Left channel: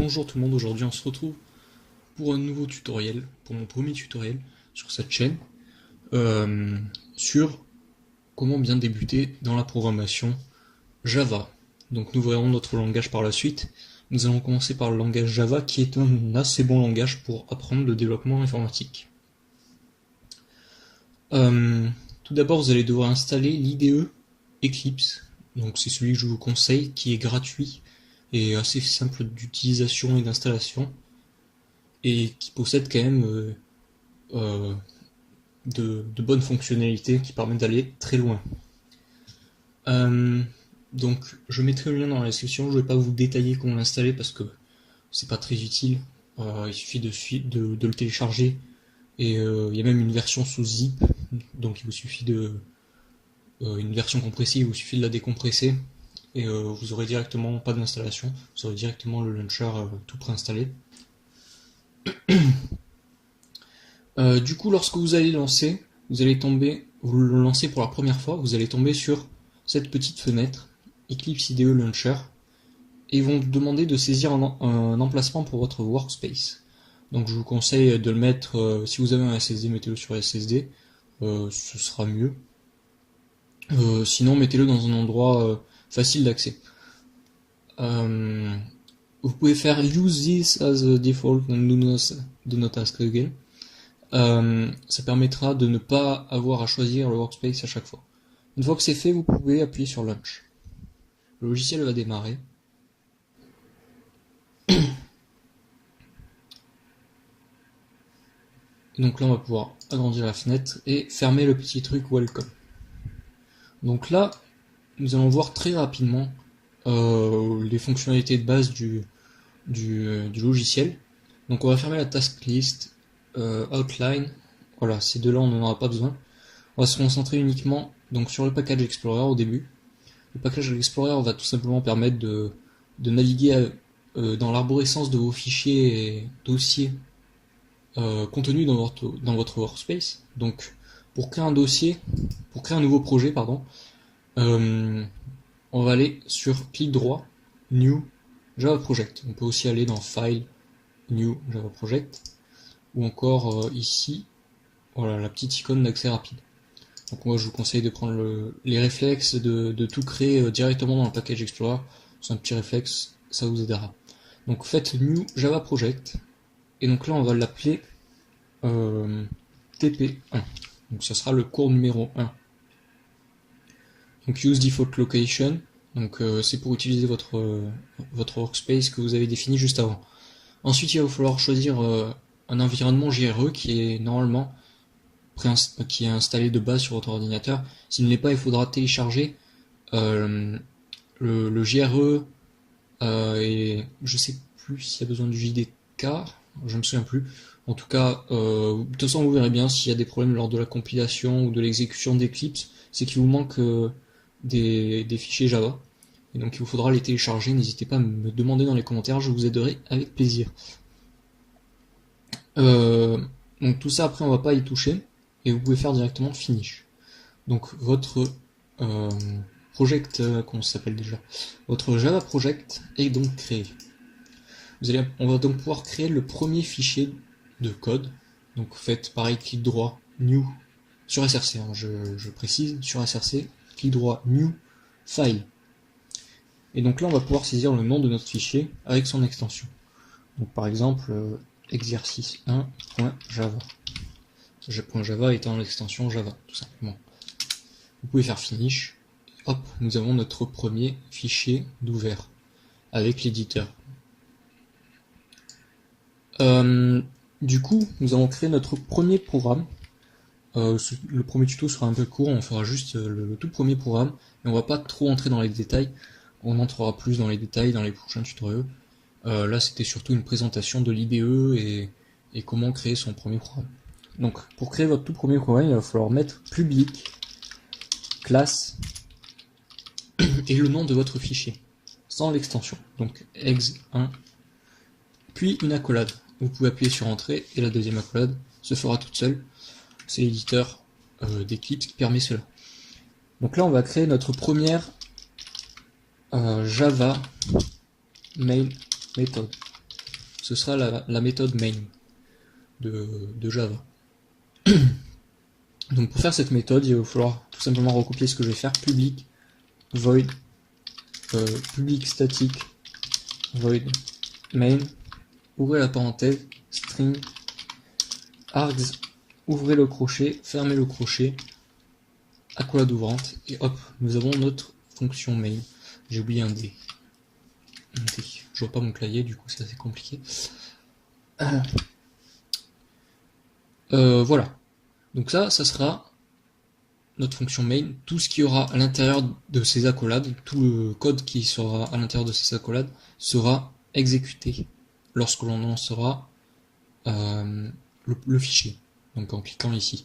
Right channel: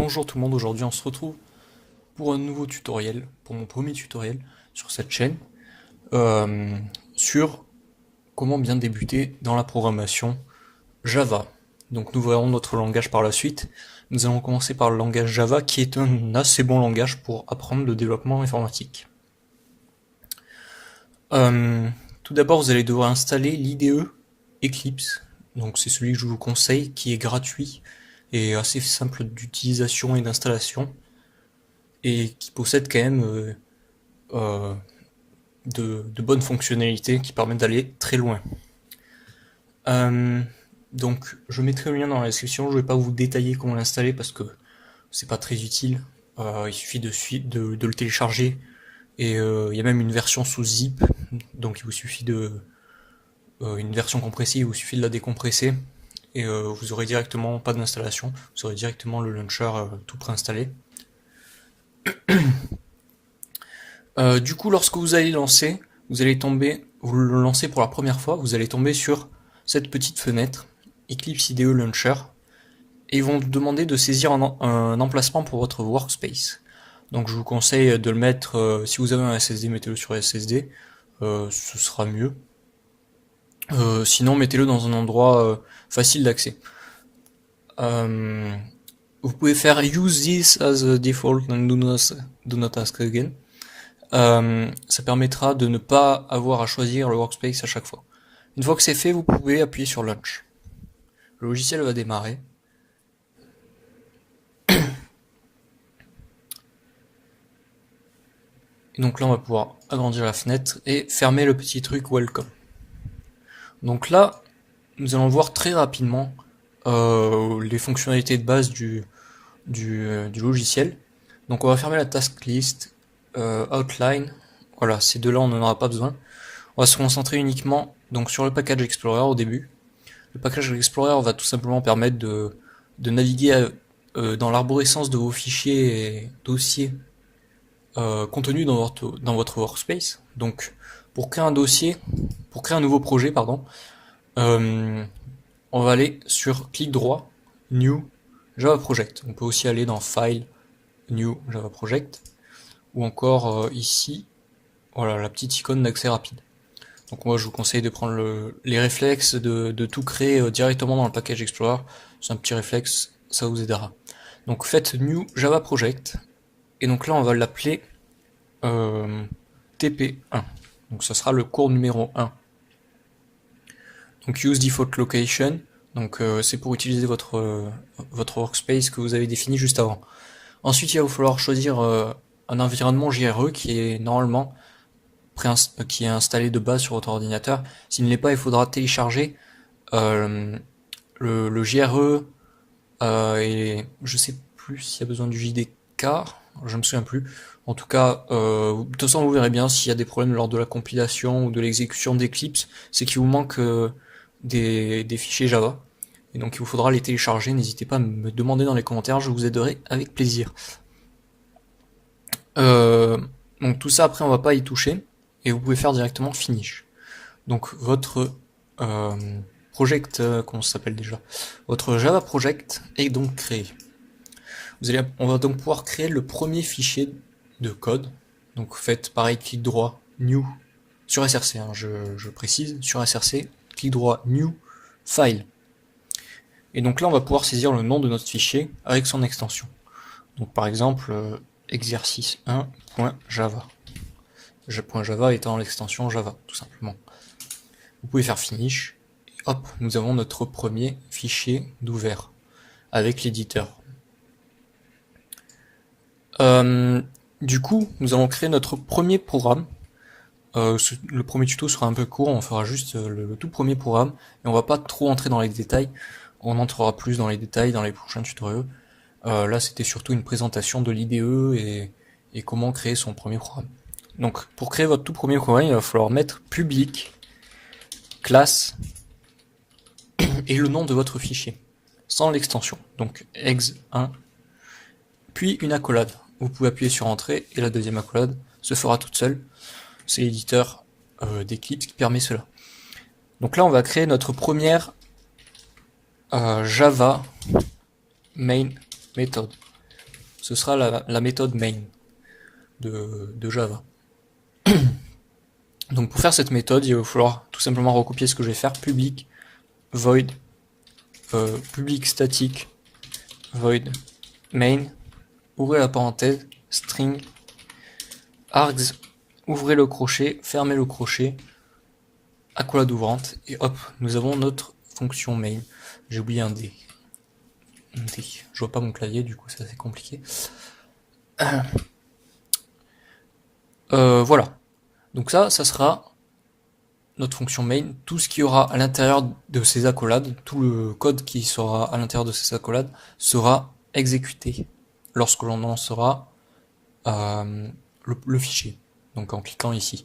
Bonjour tout le monde, aujourd'hui on se retrouve pour un nouveau tutoriel, pour mon premier tutoriel sur cette chaîne, sur comment bien débuter dans la programmation Java. Donc nous verrons notre langage par la suite. Nous allons commencer par le langage Java qui est un assez bon langage pour apprendre le développement informatique. Tout d'abord vous allez devoir installer l'IDE Eclipse, donc c'est celui que je vous conseille, qui est gratuit et assez simple d'utilisation et d'installation, et qui possède quand même de bonnes fonctionnalités qui permettent d'aller très loin. Donc je mettrai le lien dans la description, je ne vais pas vous détailler comment l'installer parce que c'est pas très utile, il suffit de le télécharger, et il y a même une version sous zip, donc il vous suffit une version compressée, il vous suffit de la décompresser, et vous aurez directement pas d'installation, vous aurez directement le launcher tout préinstallé. Du coup, lorsque vous allez lancer, vous le lancez pour la première fois, vous allez tomber sur cette petite fenêtre Eclipse IDE Launcher, et ils vont vous demander de saisir un emplacement pour votre workspace. Donc je vous conseille de le mettre, si vous avez un SSD, mettez-le sur SSD, ce sera mieux. Sinon mettez-le dans un endroit facile d'accès. Vous pouvez faire use this as a default and do not ask again. Ça permettra de ne pas avoir à choisir le workspace à chaque fois. Une fois que c'est fait, vous pouvez appuyer sur Launch. Le logiciel va démarrer. Et donc là, on va pouvoir agrandir la fenêtre et fermer le petit truc Welcome. Donc là, nous allons voir très rapidement les fonctionnalités de base du logiciel. Donc on va fermer la task list, outline, voilà, ces deux-là on n'en aura pas besoin. On va se concentrer uniquement donc sur le package Explorer au début. Le package Explorer va tout simplement permettre de naviguer dans l'arborescence de vos fichiers et dossiers contenus dans votre workspace. Donc pour créer un nouveau projet, pardon, on va aller sur clic droit, New Java Project. On peut aussi aller dans File, New Java Project, ou encore ici, voilà, la petite icône d'accès rapide. Donc moi je vous conseille de prendre les réflexes de tout créer directement dans le package Explorer. C'est un petit réflexe, ça vous aidera. Donc faites New Java Project, et donc là on va l'appeler TP1. Donc ça sera le cours numéro 1. Donc use default location, donc c'est pour utiliser votre workspace que vous avez défini juste avant. Ensuite il va vous falloir choisir un environnement JRE qui est normalement qui est installé de base sur votre ordinateur. S'il ne l'est pas, il faudra télécharger le JRE, et je sais plus s'il y a besoin du JDK, je me souviens plus. En tout cas, de toute façon vous verrez bien s'il y a des problèmes lors de la compilation ou de l'exécution d'Eclipse, c'est qu'il vous manque des fichiers Java. Et donc il vous faudra les télécharger, n'hésitez pas à me demander dans les commentaires, je vous aiderai avec plaisir. Donc tout ça après on va pas y toucher, et vous pouvez faire directement Finish. Donc votre project, comment ça s'appelle déjà, votre Java Project est donc créé. On va donc pouvoir créer le premier fichier de code. Donc faites pareil, clic droit, New, sur SRC, hein, je précise, sur SRC, clic droit, New, File. Et donc là on va pouvoir saisir le nom de notre fichier avec son extension. Donc par exemple, exercice1.java. .java étant l'extension Java, tout simplement. Vous pouvez faire Finish, et hop, nous avons notre premier fichier d'ouvert avec l'éditeur. Du coup, nous allons créer notre premier programme. Le premier tuto sera un peu court, on fera juste le tout premier programme, et on va pas trop entrer dans les détails, on entrera plus dans les détails dans les prochains tutoriels. Là c'était surtout une présentation de l'IDE et comment créer son premier programme. Donc pour créer votre tout premier programme, il va falloir mettre public, classe, et le nom de votre fichier, sans l'extension, donc ex1, puis une accolade. Vous pouvez appuyer sur Entrée, et la deuxième accolade se fera toute seule. C'est l'éditeur d'Eclipse qui permet cela. Donc là on va créer notre première Java main method. ce sera la méthode main de Java. Donc pour faire cette méthode, il va falloir tout simplement recopier ce que je vais faire, public void public static void main, ouvrez la parenthèse, string args, ouvrez le crochet, fermez le crochet, accolade ouvrante, et hop, nous avons notre fonction main. J'ai oublié un D. Je vois pas mon clavier, du coup c'est assez compliqué. Voilà. Donc ça sera notre fonction main. Tout ce qui aura à l'intérieur de ces accolades, tout le code qui sera à l'intérieur de ces accolades sera exécuté lorsque l'on lancera le fichier. Donc en cliquant ici.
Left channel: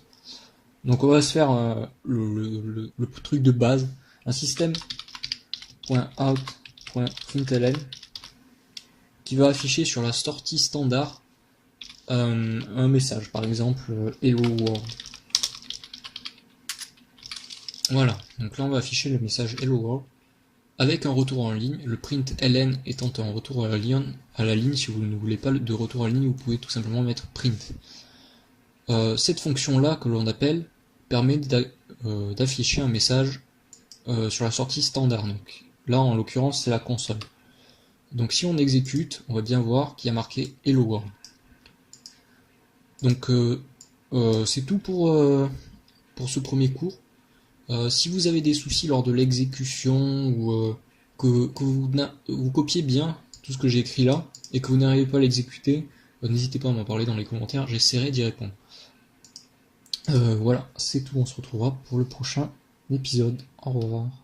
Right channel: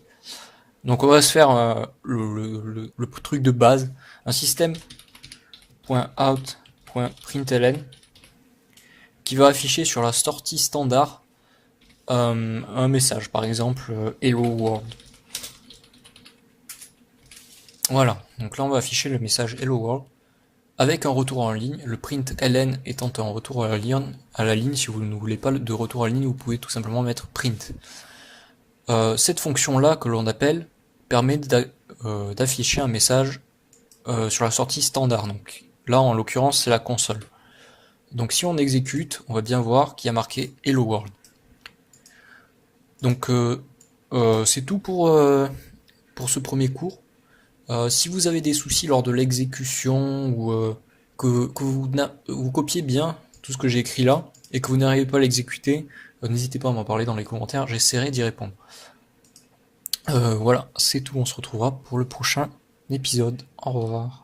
Donc on va se faire le truc de base, un système.out.println qui va afficher sur la sortie standard un message, par exemple hello world. Voilà, donc là on va afficher le message hello world avec un retour en ligne, le println étant un retour à la ligne. Si vous ne voulez pas de retour à la ligne, vous pouvez tout simplement mettre print. Cette fonction là que l'on appelle permet d'afficher un message sur la sortie standard. Donc là en l'occurrence c'est la console. Donc si on exécute, on va bien voir qu'il y a marqué hello world. Donc c'est tout pour ce premier cours. Si vous avez des soucis lors de l'exécution ou que vous copiez bien tout ce que j'ai écrit là et que vous n'arrivez pas à l'exécuter, n'hésitez pas à m'en parler dans les commentaires, j'essaierai d'y répondre. Voilà, c'est tout, on se retrouvera pour le prochain épisode. Au revoir.